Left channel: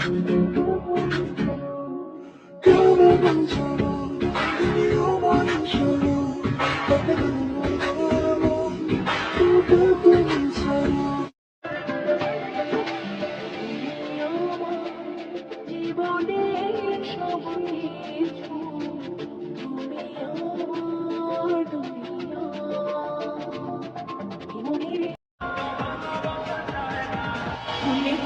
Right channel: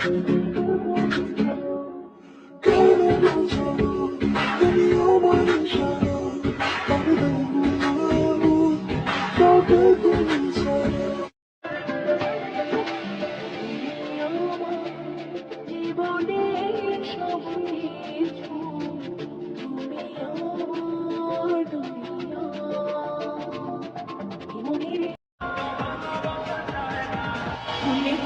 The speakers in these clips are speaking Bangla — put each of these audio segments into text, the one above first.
ফুলে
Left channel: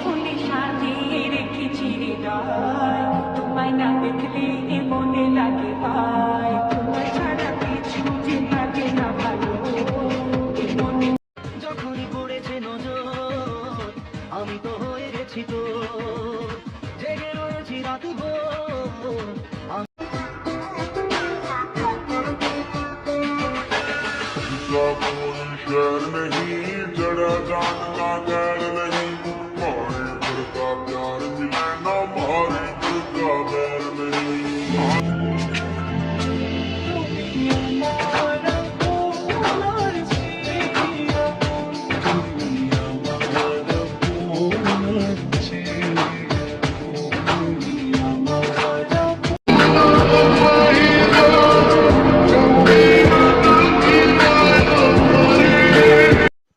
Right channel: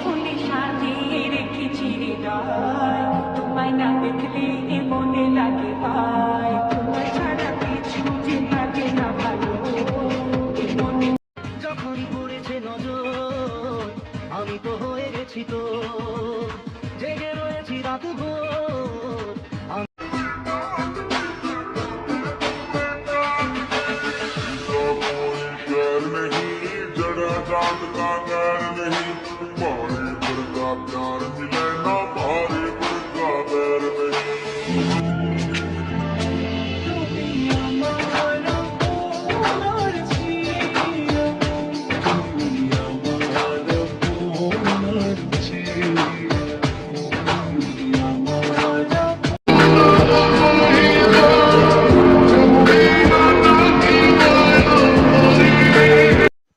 ফুলে সাজিয়ে রেখেছি হৃদয়, তোমায় না দেখলে মনে লাগে ভাই, তোমায় ছাড়া কিছু যে লাগে না ভালো এ মনে। যখন পড়েছে নজর আমি তো হয়ে গেছি তো জেগে রয়েছি রাত ভোর।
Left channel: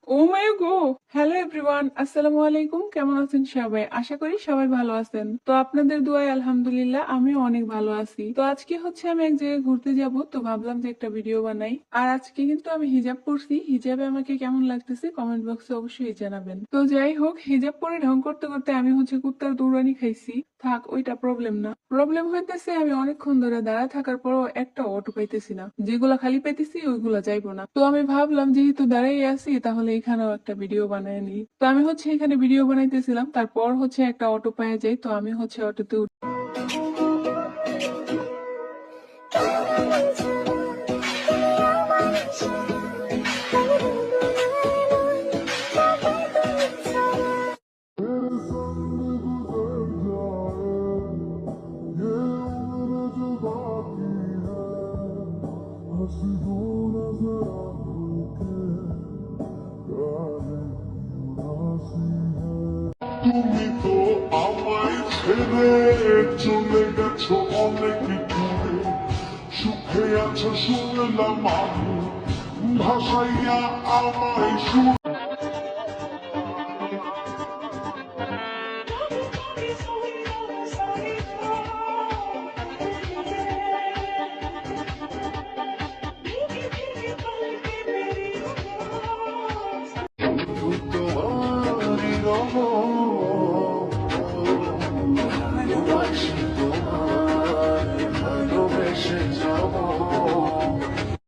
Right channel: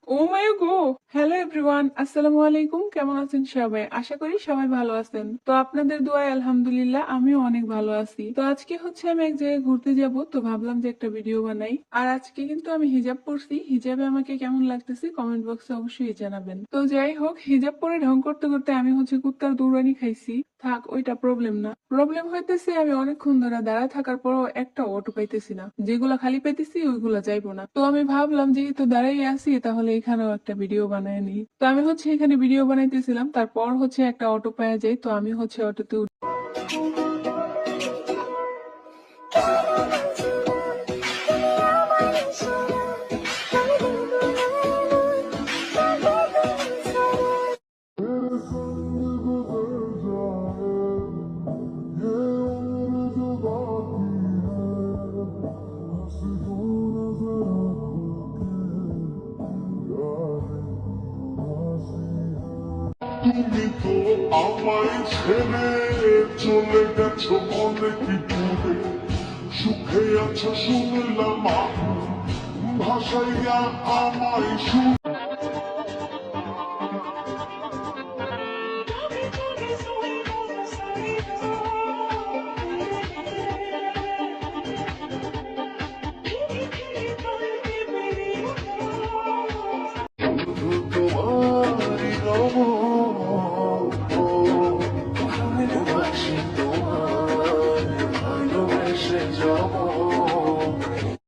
ও মাই গো, হ্যালো এভরিওয়ান, আসসালামু আলাইকুম। কেমন আছেন সবাই? আশা করি সবাই ভালো আছেন। তো আপনাদের দোয়ায় আলহামদুলিল্লাহ আমিও অনেক ভালো আছি। তো আজকে হচ্ছে আমি এক জায়গায় ঘুরতে যাব, তো ভাবলাম যে একটা ভিডিও বানাই। আর আজকে কিন্তু আমি হিজাব পরছি। হিজাবে আমাকে কেমন লাগতেছে কমেন্ট বক্সে অবশ্যই জানাবেন। তো যাই হোক, হিজাব পরে ঢং করতে করতে আমি হচ্ছে কুত্তার দৌড়ানি খাইছি। থাক, ওইটা প্রবলেম না। প্রবলেম হইতেছে আমি অনেকক্ষণ ধরে দাঁড়ায় থাকার পরও একটা অটো পাইতেছি না। যেগুলা খালি পাইতেছি ওইগুলা যাইবো না। তো আমি ভাবলাম যেহেতু দাঁড়াই আছি তাহলে এখানেও একটা ভিডিও বানায় নিই। তো আমি হচ্ছে এখানে ভিডিও বানাইতেছিলাম, তারপর হচ্ছে একটা অটো পাওয়া যায়। তো আমি হচ্ছে অটোতে তুমি তো আমায় ছেড়ে চলে গেছো অনেক দূরে, সুখে আছো শুনলাম আমি, ভাসাইয়া আমায় সুরে।